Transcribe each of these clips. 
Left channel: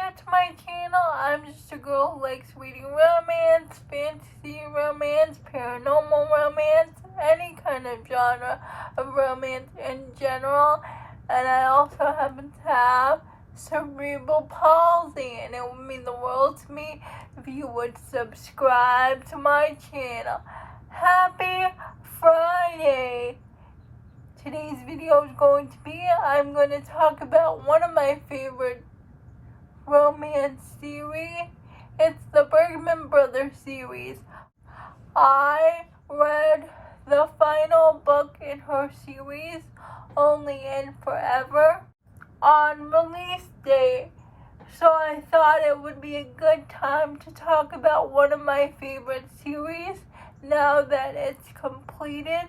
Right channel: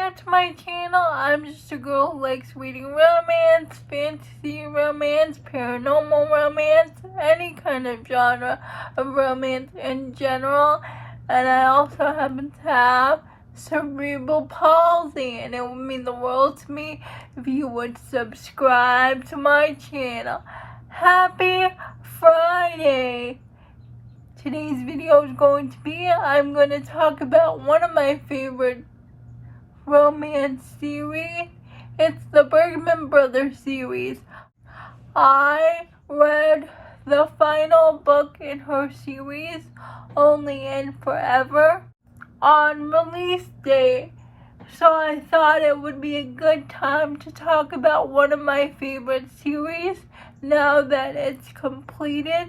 new to my channel, I'm just a girl who likes reading romance, fantasy romance, paranormal romance, any kind of genre of romance in general. And I also happen to have cerebral palsy, and it would mean the world to me if you would subscribe to my channel. Happy Friday! Today's video is going to be, I'm going to talk about one of my favorite romance series. It's the Bergman Brothers series. I read the final book in her series, Only and Forever, on release day. So I thought it would be a good time to talk about one of my favorite series now that it's completed.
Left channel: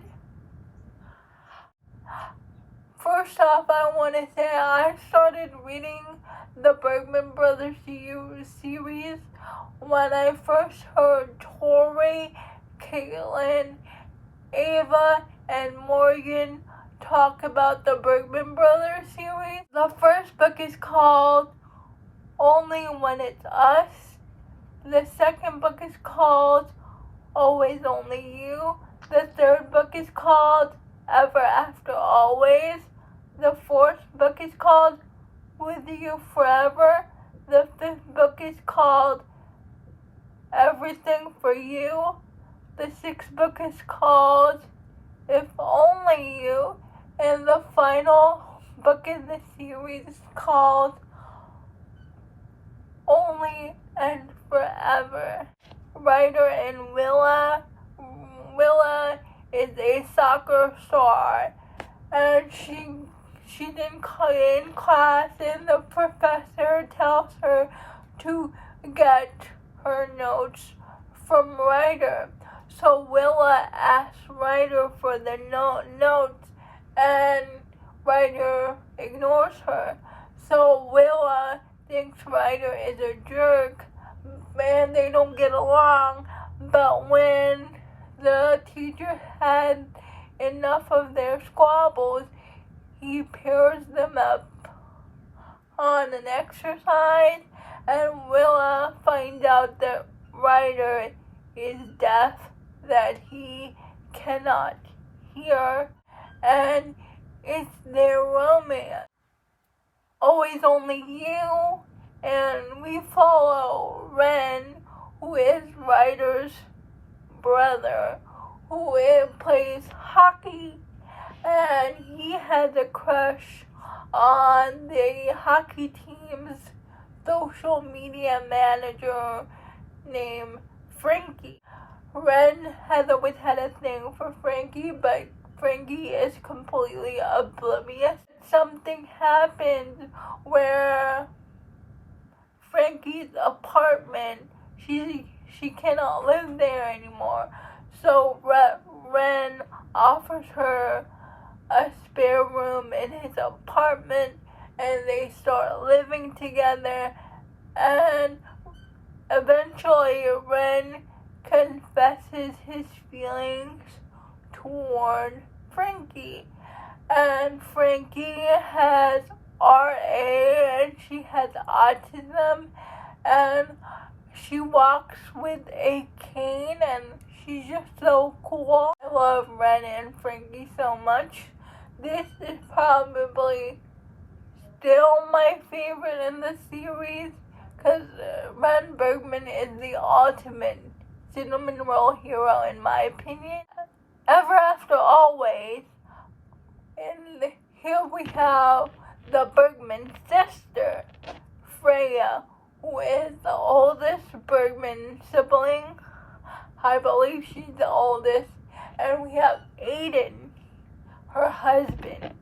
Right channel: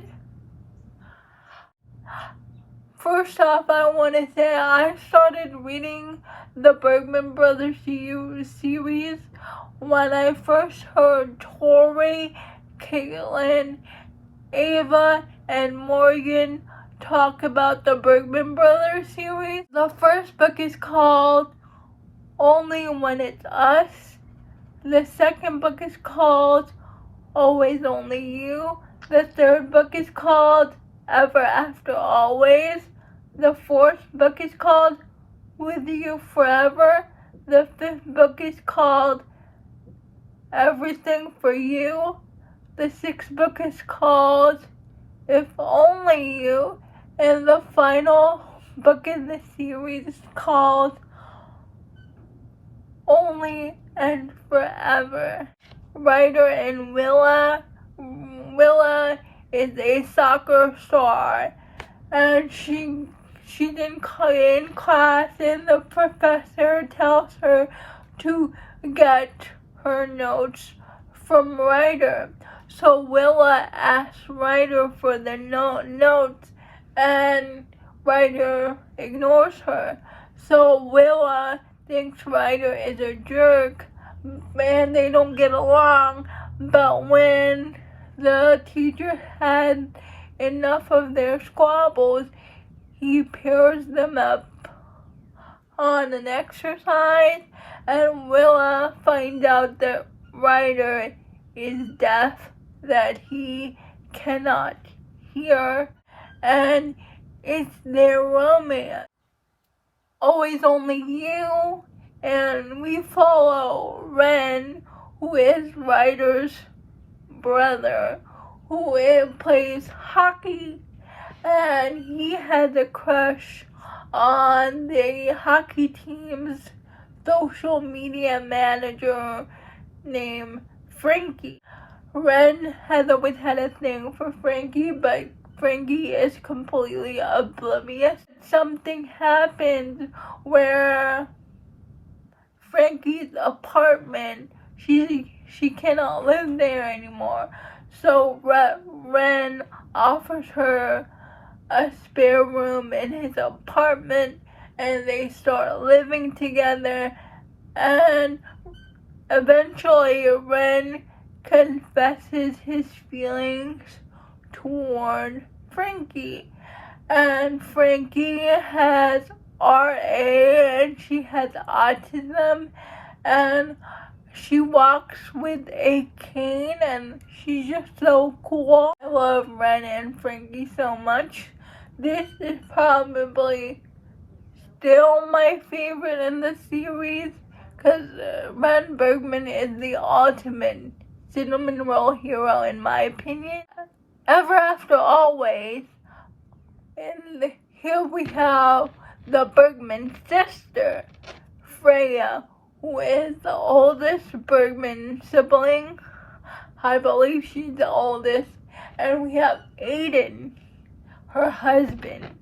First off, I want to say I started reading the Bergman Brothers series when I first heard Tori, Caitlin, Ava, and Morgan talk about the Bergman Brothers series. The first book is called Only When It's Us. The second book is called Always Only You. The third book is called Ever After Always. The fourth book is called With You Forever. The fifth book is called Everything for You. The sixth book is called If Only You. And the final book in the series is called Only and Forever. Writer and Willa is a soccer star, and she's in class, and the professor tells her to get her notes from Ryder. So Willa asks Ryder for the notes, and Ryder ignores her. So Willa thinks Ryder is a jerk, and they don't get along. But when the teacher had enough of their squabbles, he pairs them up on an exercise, and Willa finds out that Ryder is deaf, that he cannot hear, and it's their romance. Always Only You, and we follow Ren, who is Ryder's brother, who plays hockey, and he has a crush on the hockey team's social media manager named Frankie. Ren has always had a thing for Frankie, but Frankie is completely oblivious. Something happens where Frankie's apartment, she cannot live there anymore. So Ren offers her a spare room in his apartment, and they start living together, and eventually Ren confesses his feelings toward Frankie. And Frankie has RA, and she has autism, and she walks with a cane, and she's just so cool. I love Ren and Frankie so much. This is probably still my favorite in the series, because Ren Bergman is the ultimate cinnamon roll hero in my opinion. Ever After Always, and here we have the Bergman sister, Freya, who is the oldest Bergman sibling. I believe she's the oldest. And we have Aiden, her husband.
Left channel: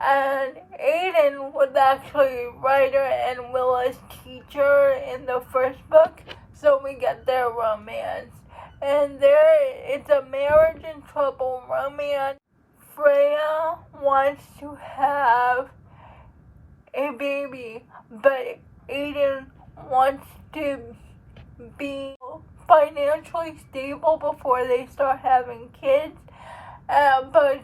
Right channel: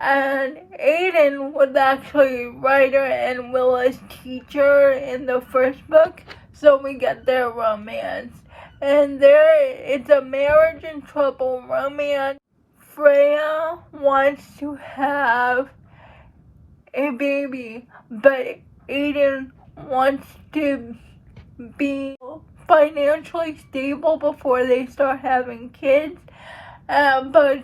And Aiden was actually Ryder and Willa's teacher in the first book, so we get their romance. And it's a marriage in trouble romance. Freya wants to have a baby, but Aiden wants to be financially stable before they start having kids, but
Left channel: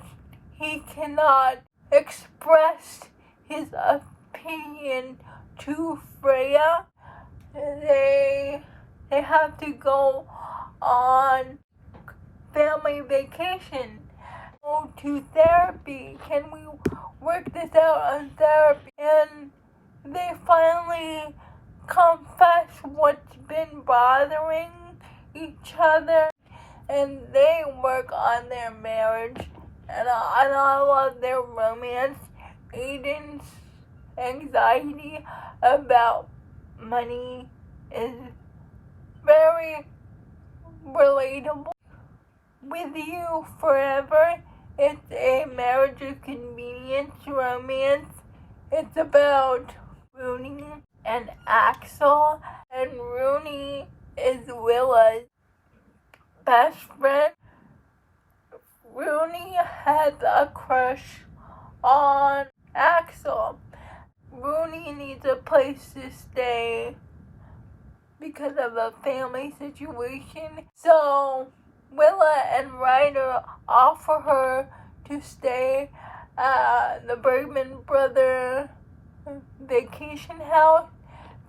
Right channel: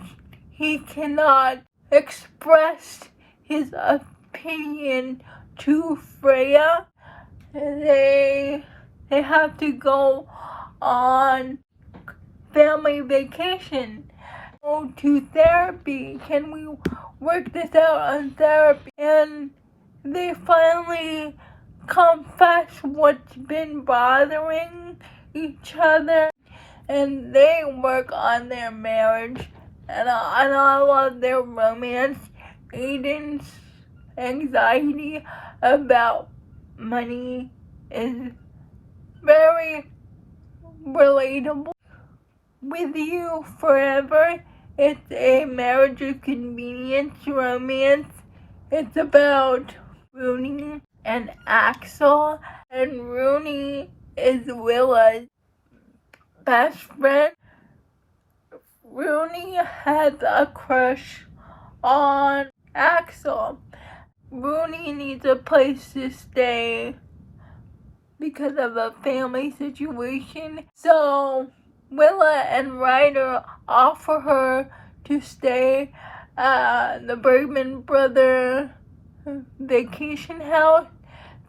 he cannot express his opinion to Freya. They have to go on family vacation. Go to therapy. Can we work this out on therapy? And they finally confess what's been bothering each other, and they work on their marriage. And I love their romance. Aiden's anxiety about money is very relatable. With You Forever, it's a marriage of convenience romance. It's about Rooney and Axel, and Rooney is Willa's best friend. Rooney has a crush on Axel. Rooney needs a place to stay because of a family situation. So Willa and Ryder offer her to stay at the Bergman Brothers vacation house,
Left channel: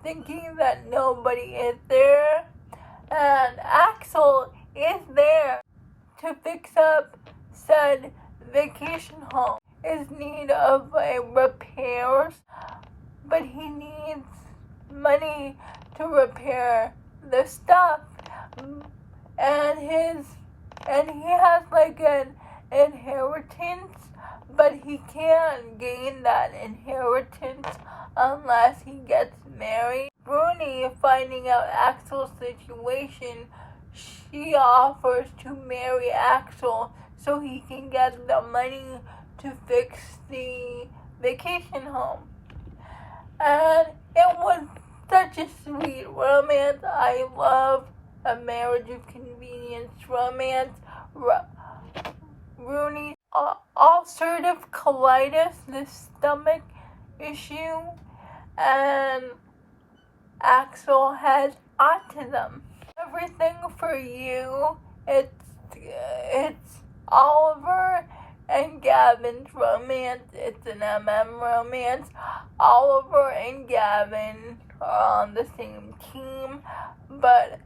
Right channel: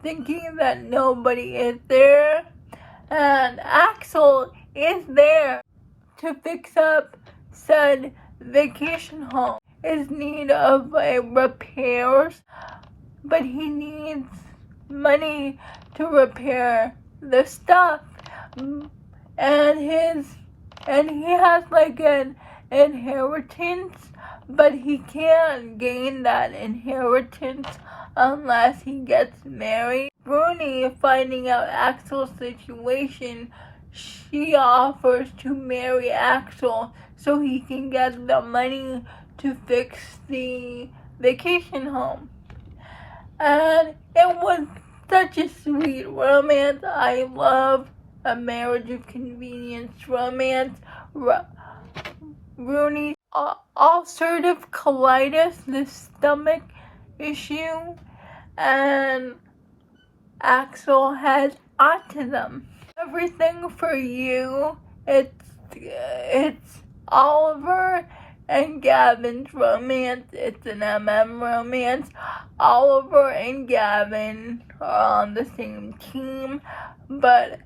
thinking that nobody is there. And Axel is there to fix up said vacation home. Is in need of repairs, but he needs money to repair the stuff. And he has like an inheritance, but he can't gain that inheritance unless he gets married. Rooney, finding out Axel's situation, she offers to marry Axel so he can get the money to fix the vacation home. And it was such a sweet romance. I love a marriage of convenience romance. Rooney's ulcerative colitis, the stomach issue, and Axel has autism. Everything for You. It's Oliver and Gavin's romance. It's an romance. Oliver and Gavin are on the same team, but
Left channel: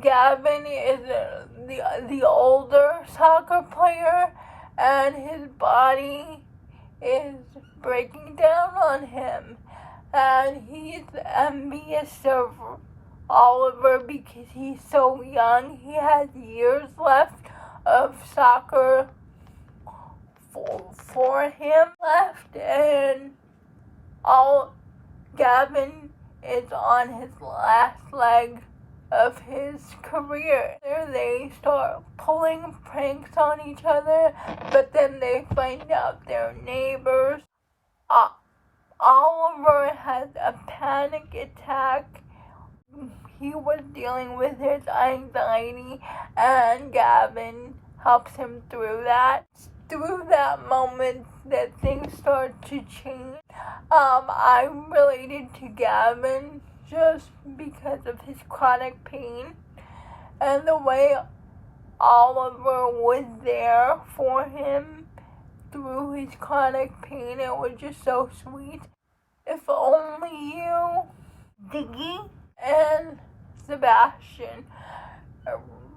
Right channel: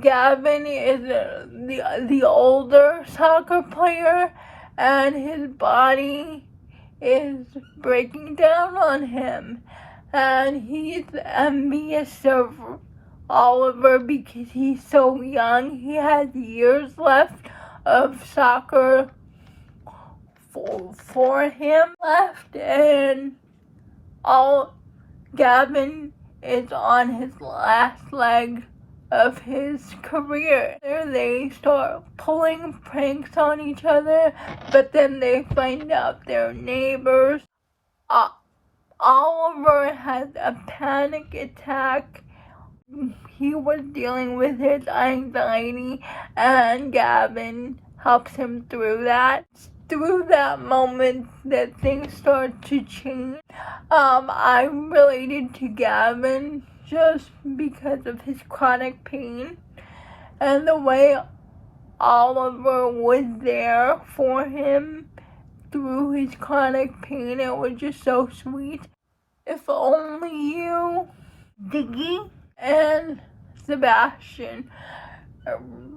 Gavin is the older soccer player, and his body is breaking down on him, and he's envious of Oliver because he's so young. He has years left of soccer for him left, and Gavin is on his last leg of his career. They start pulling pranks on each other, but then they find out they're neighbors. Oliver has a panic attack. He was dealing with his anxiety, and Gavin helps him through that. Through that moment that things start to change. I related to Gavin just because of his chronic pain and the way Oliver was there for him through his chronic pain. It was just so sweet. If Only You, Diggy, and Sebastian,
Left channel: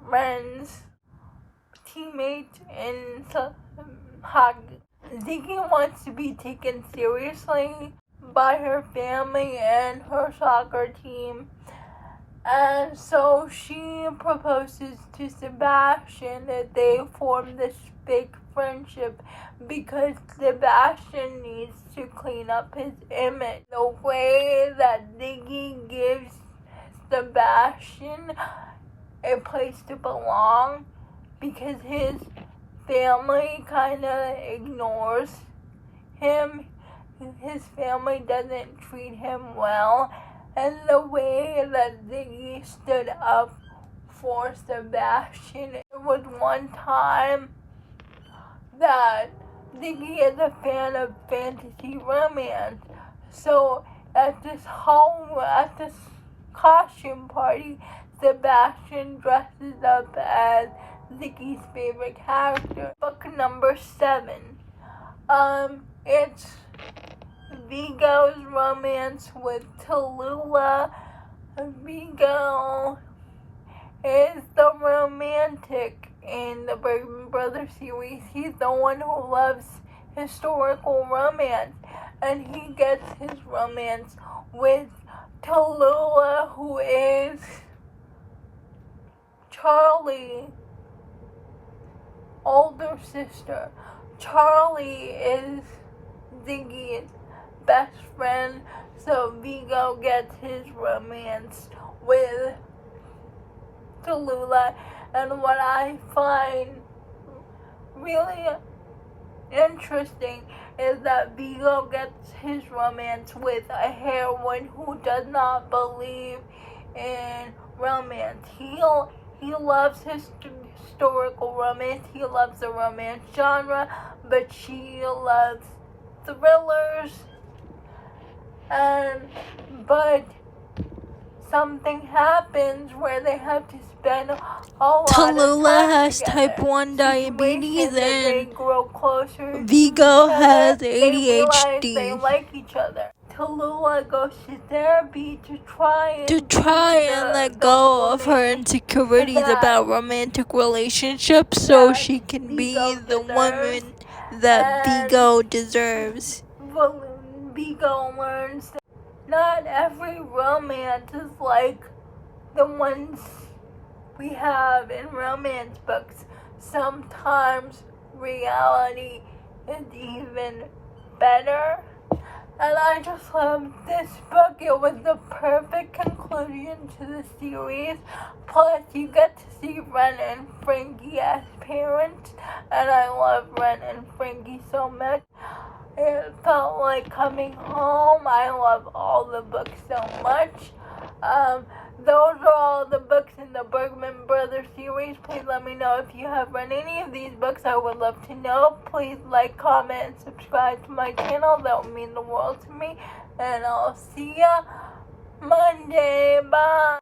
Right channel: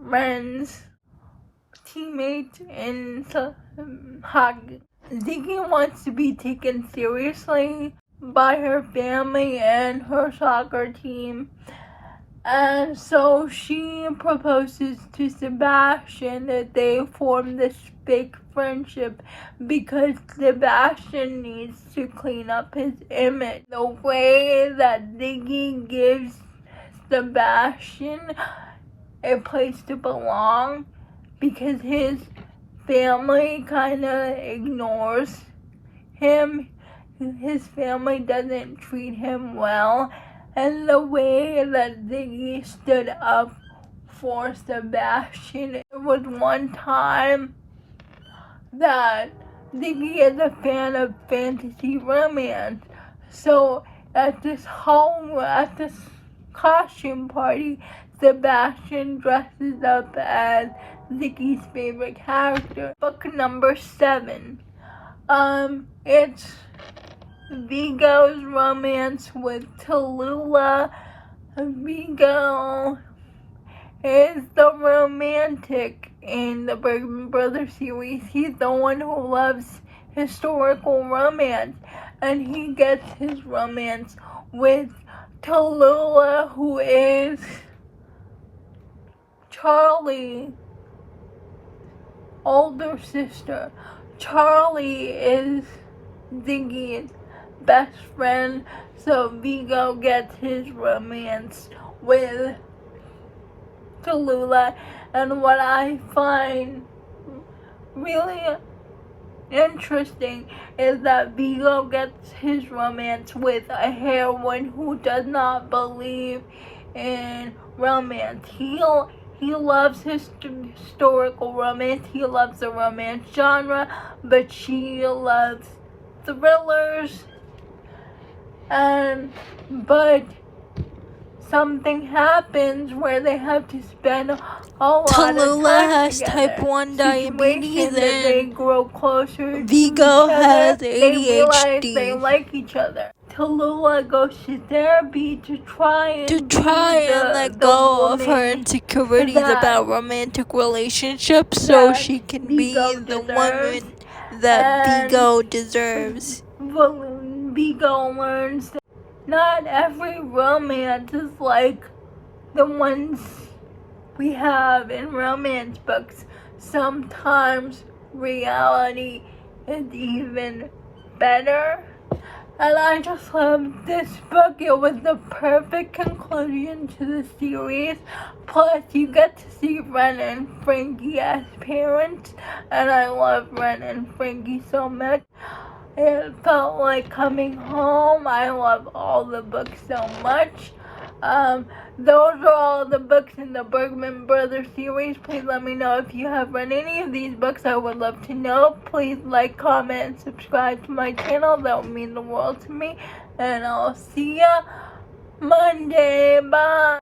Ren's teammate in hockey. Ziggy wants to be taken seriously by her family and her soccer team, and so she proposes to Sebastian that they form this fake friendship because Sebastian needs to clean up his image. The way that Ziggy gives Sebastian a place to belong, because his family kind of ignores him. His family doesn't treat him well. And the way that Ziggy stood up for Sebastian. There was one time that Ziggy is a fan of fantasy romance. So at this costume party, Sebastian dresses up as Ziggy's favorite character. Book number 7. It's Vigo's romance with Tallulah. Vigo is the romantic in the Bergman Brothers series. He's the one who loves historical romance, and he gets his romance with Tallulah, who is Charlie's older sister. Charlie is Ziggy's best friend, so Vigo gets his romance with Tallulah. And what I find really interesting is that Vigo gets his romance with a heroine who does not believe in romance. He loves historical romance. He loves the romance genre, but she loves thrillers. But something happens where they have to spend a lot Tallulah of time has together. type 1 diabetes Situations that they and grow closer Vigo to each has other. They realize they ADHD. like each other. Tallulah goes to therapy to try And let go of her insecurities about romantic relationships so she can be the woman that Vigo deserves. Vigo learns that not every romance is like the ones we have in romance books. Sometimes reality is even better. And I just love this book. It was the perfect conclusion to the series. Plus, you get to see Ren and Frankie as parents. And I love Ren and Frankie so much. It felt like coming home. I love all the books so much. Those are all the books in the Bergman Brothers series. Please let me know if you have read any of these books. I would love to know. Please like, comment, and subscribe to my channel. That would mean the world to me. And I'll see ya Monday. Bye.